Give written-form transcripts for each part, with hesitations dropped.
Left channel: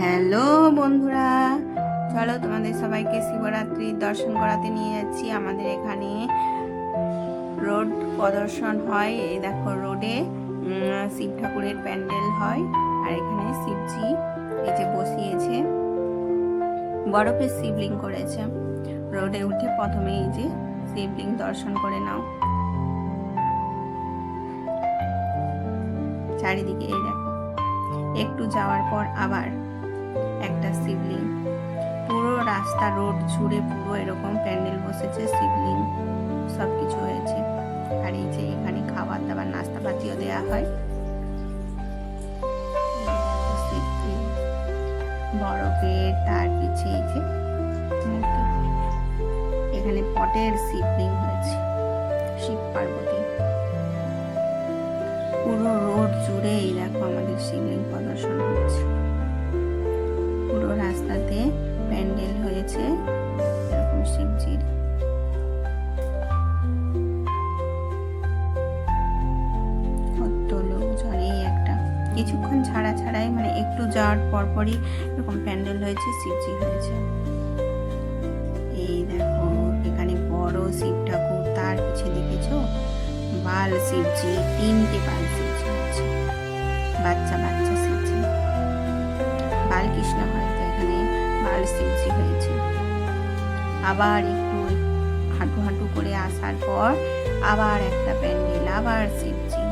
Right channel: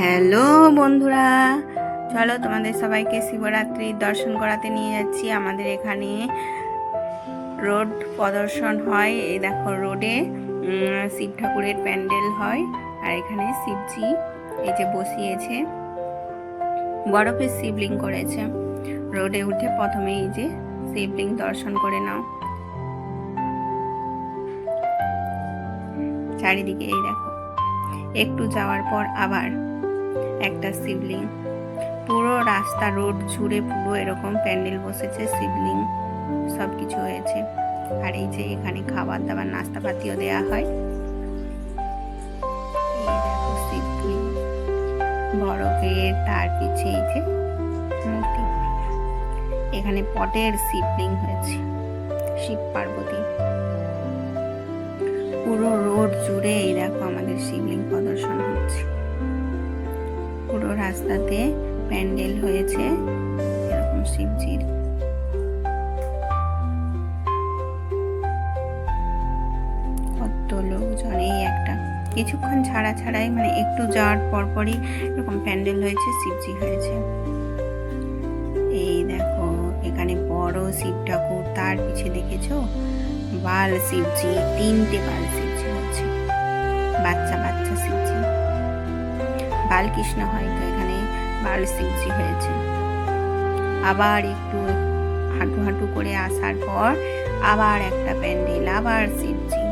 Hello বন্ধুরা, চলো তোমাদের সবাইকে শিবরাত্রির দর্শন করাতে নিয়ে যাচ্ছি। আমাদের এখানে রোড প্রদর্শন হয়। এই দেখো, রোডে শিব ঠাকুরের প্যান্ডেল হয়। আর এখানে শিবজি এই যে বসিয়েছে, বরফের শিবলিং করেছে। রোডে উঠে প্রথমে এই যে শিবলিং দর্শন করে নাও। চারিদিকে এই দেখো, একটু যাওয়ার পর আবার একটা শিবলিং। পুরো রাস্তা রোড জুড়ে পুরো এরকম প্যান্ডেল বসেছে, শিবলিং সব কিছু হয়েছে। আর এই যে এখানে খাবার দাবার নাস্তাপাতিও দেয়া হয়। এই দেখো শিবলিং, বরফের, তার পিছে এই যে মূর্তি। এখানে পটের শিবলিং হয়েছে, শিব পার্বতী। পুরো রোড জুড়ে এই দেখো আমাদের শিবলিং প্রদর্শন হচ্ছে। পুরো রাস্তাতে প্যান্ডেল হয়েছে এরকম শিবজির। কত লোকজন, এই একটা কিছুক্ষণ ছাড়াই মানে একটু যাওয়ার পরপরই এরকম প্যান্ডেল হয়েছে, শিবজি হয়েছে। এই দেখো এখানে বড় শিব ঠাকুর, তার পিছে দেখেছো বাল শিবজি, 3টে বাল শিবজি হয়েছে, বাচ্চা বাচ্চা শিবজি। বালকৃষ্ণ হয়তো এখানে বাল শিবজি হয়েছে। আবার একটু হাঁটু হাঁটু করে আসার পর আবার একটা প্যান্ডেল, আবার শিবজি।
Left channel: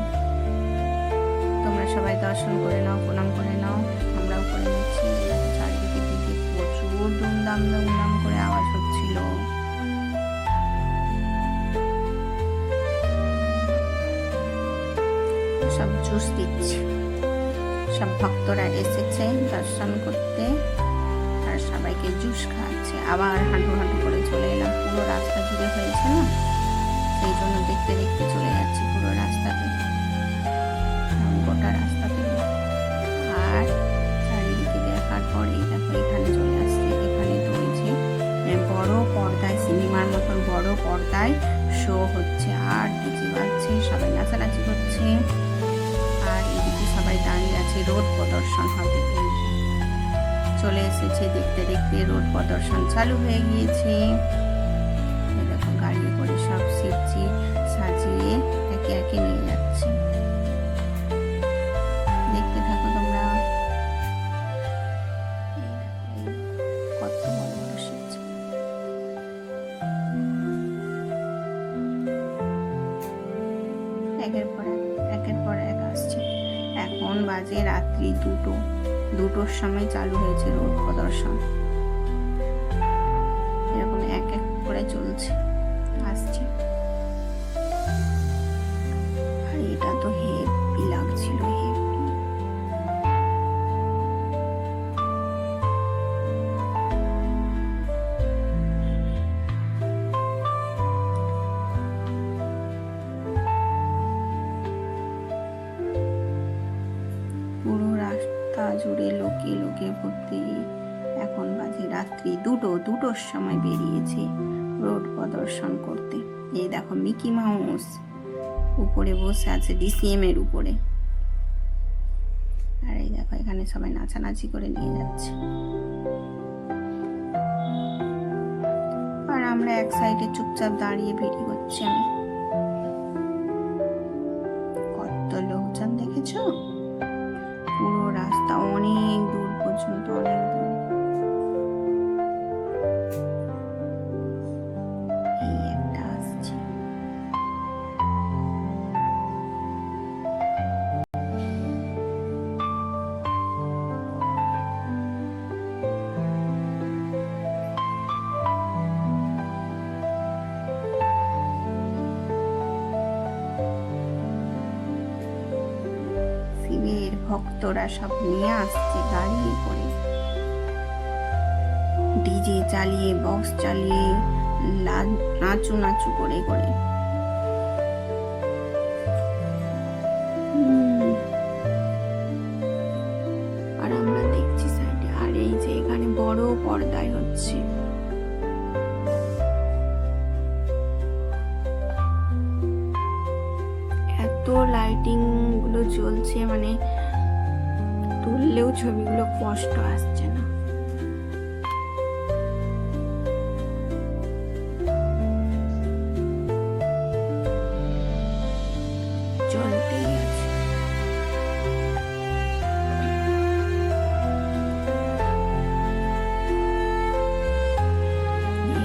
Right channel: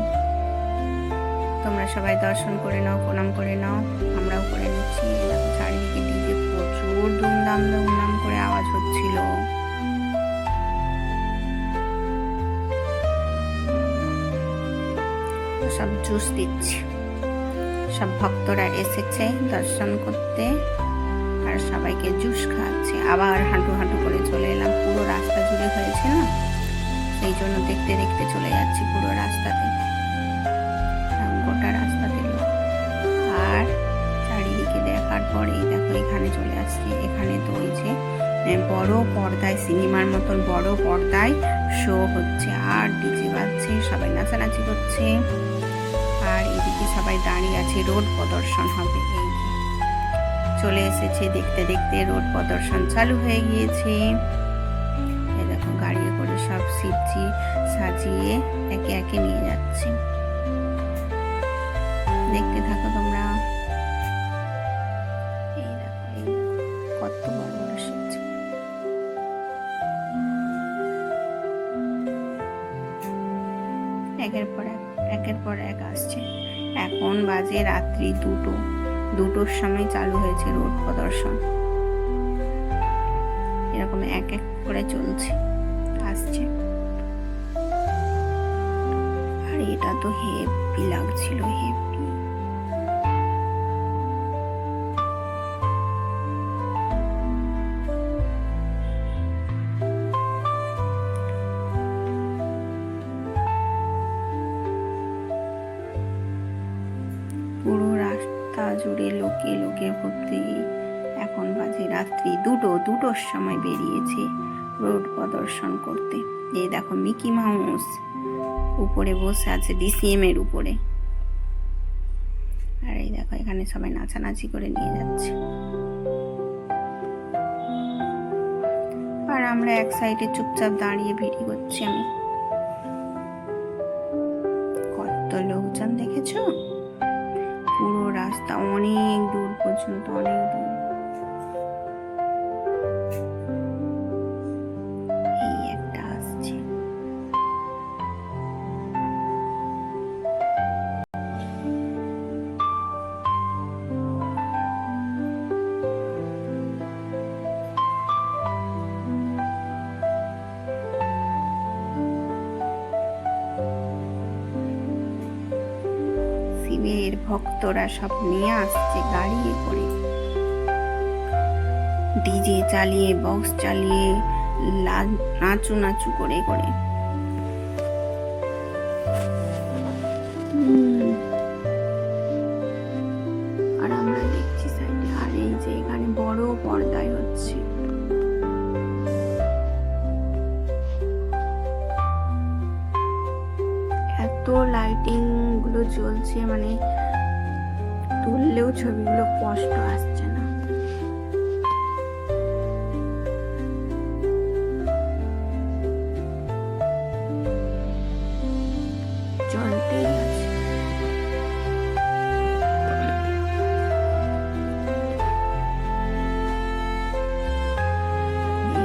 তোমরা সবাই দর্শন করে নাও, প্রণাম করে নাও, আমরাও করে নিচ্ছি। এরকম চারিদিকে ডিজে প্রচুর দুমদাম দুমদাম করে আওয়াজ হচ্ছিল। সব জুস দিচ্ছে, সব ভক্তরা এসেছে দর্শন করতে আর সবাইকে জুস খাওয়াচ্ছে। আবার হাঁটু হাঁটু করে চলে এলাম, পুরো রাস্তা জুড়ে হয়েছে না, সেই জন্য দেখতে দেখতে চলে যাচ্ছি পুরো রাস্তাতে, গোটা রাস্তাতে। আর চারিদিকে দেখার পর এই দেখো এখানে চলে আসছে। এখানে তো ওই যে বড় পর্দায়, সিনেমার মতন বড় পর্দায় শো হচ্ছে, আর ডিজে বাজছে, সবাই নাচানাচি করছে। আর এইদিকে সবাই দাঁড়িয়ে আছে, রোড প্রদর্শন হবে। এই যে চলে এসেছে, দেখতে দেখতে রোড প্রদর্শন চালু হয়ে গিয়েছে। এই দেখো গাড়ি করে সব শিবজি সাজিয়ে একে একে নিয়ে যাচ্ছে। দেখতে থাকো তোমরা। এই দেখো, এই কত বড় বড় শিবজি। একের পর এক আসছে। এখন বাজে রাত্রি 2টোর সময় চালু হয়েছে রোড প্রদর্শন। এরকম এক এক করে চলছে, আসছে। আর এটা তো হেভি লাগছিল, হেভি। পুরো রাস্তা জুড়ে লোকে লোকে ভর্তি। এখন বাজে রাত্রি 2টোর সময় বেরিয়েছে রোড প্রদর্শন করতে। এই দেখো মিকি মাউস উপরে বসে আছে, ডিসিএম এর উপরে। আর এই দেখো এখানে সবাই নাচানাচি করে নিয়ে যাচ্ছে। আর আমরা এক সাইডে চুপচাপ দাঁড়িয়ে ভিডিও করছি আমি। কত লোকজন দেখেছো, পুরো রাস্তা অনেক দূর পর্যন্ত, অনেক দূর। এই একটা আসছে। শিবের ভক্তরা সব নিয়ে আসছে গাড়ি করে, ডিজে চালিয়ে, বক্স চালিয়ে, নাচু নাচু করে করে। আর আমরা দেখছি সাইডে। আর এই যে এখানে বড় পর্দায় হচ্ছে। এত লাইটিং গুলো জ্বলছে, মানে তুললেও ছবিগুলো স্পষ্ট আসছে না। চলতেই আছে।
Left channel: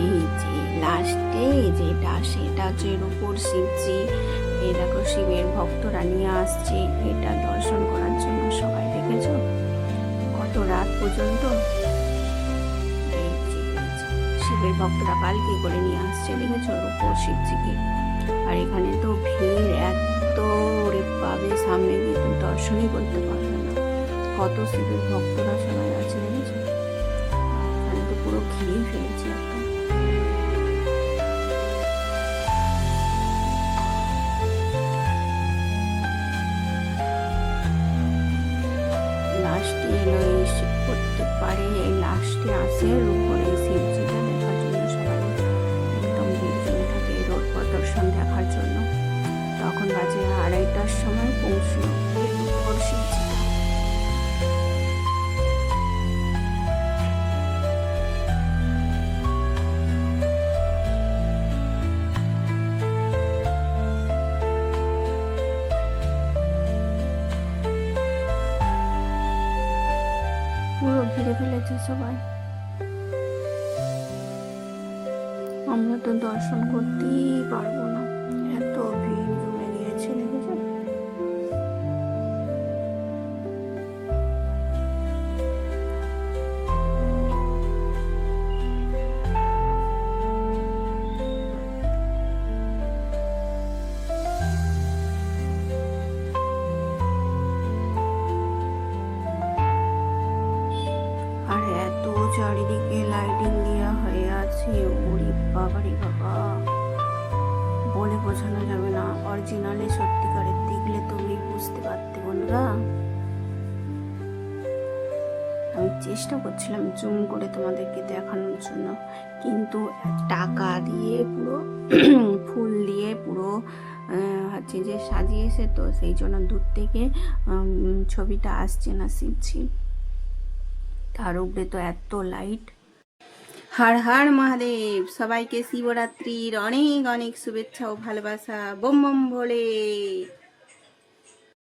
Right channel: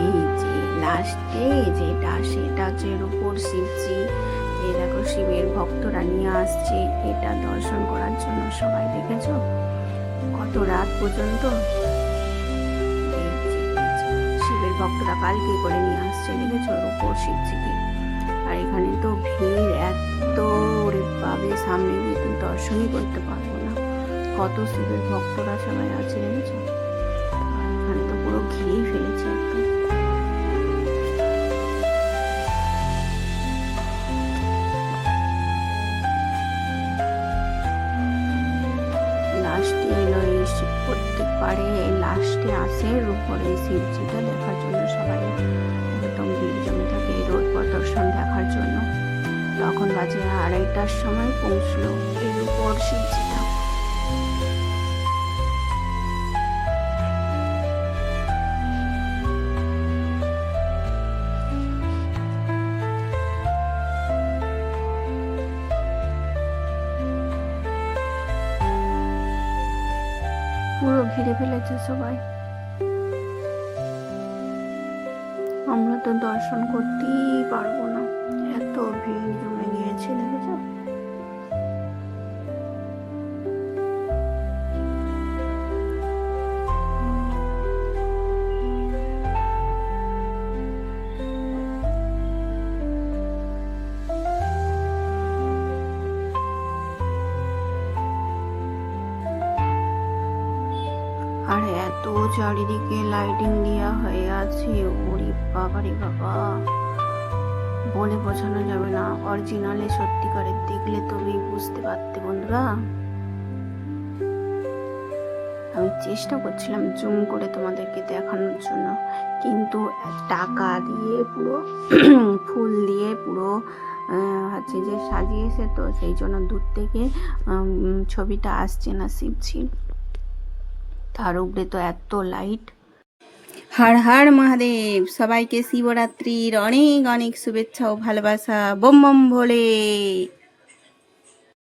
এই যে লাস্টে যেটা সেটা হচ্ছে রূপোর শিবজি। এই দেখো শিবের ভক্তরা নিয়ে আসছে এটা দর্শন করার জন্য। সবাই দেখেছো কত রাত পর্যন্ত। এই যে শিবের ভক্তরা পালকি করে নিয়ে আসছে, দেখেছো রূপোর শিবজিকে। আর এখানে তো ভিড় এত, ওরে পাবে সামনে গিয়ে তো দর্শনই করতে পারবো না, কত শিবের ভক্তরা সবাই আছে দেখেছো। আর এখানে তো পুরো ঘিরেই ফেলেছে একদম। লাস্টে এলো এই শিব, প্রত্যেকবারে এই লাস্টে আসে রূপোর এই শিবজিটা দেখার জন্য সবাই একদম ভিড় জমে থাকে এই রোড প্রদর্শন দেখার জন্য। তখন বাজে 2:30টার সময় পৌঁছলো এই রূপোর শিবজিটা। পুরো ঘিরে ফেলেছে সবাই। আমরা তো দর্শন করতেই পারবো না, এত ভিড় জমে গিয়েছে দেখেছো। আর এত চারিদিকে লাইটিং দেওয়া হয়ে আছে, ওরে বাবা রে বাবা, বলে বোঝানো যাবে না। অরিজিনালে সত্যিকারের দেখলে তবেই বুঝতে পারতে বন্ধুরা। আমি চেষ্টা করছিলাম জুম করে তোমাদেরকে দেখানোর জন্য, কিন্তু টাকা দিয়ে পুরো ফুল দিয়ে পুরো হচ্ছে যে সাজিয়েছে, তো সেই জন্য দূর থেকে ছবিটা আসছে না শিবজি। তার উপরে তো এত লাইট। হর হর মহাদেব, সবাইকে শিবরাত্রির অনেক অনেক শুভেচ্ছা ও ভালোবাসা। বম বম ভোলে।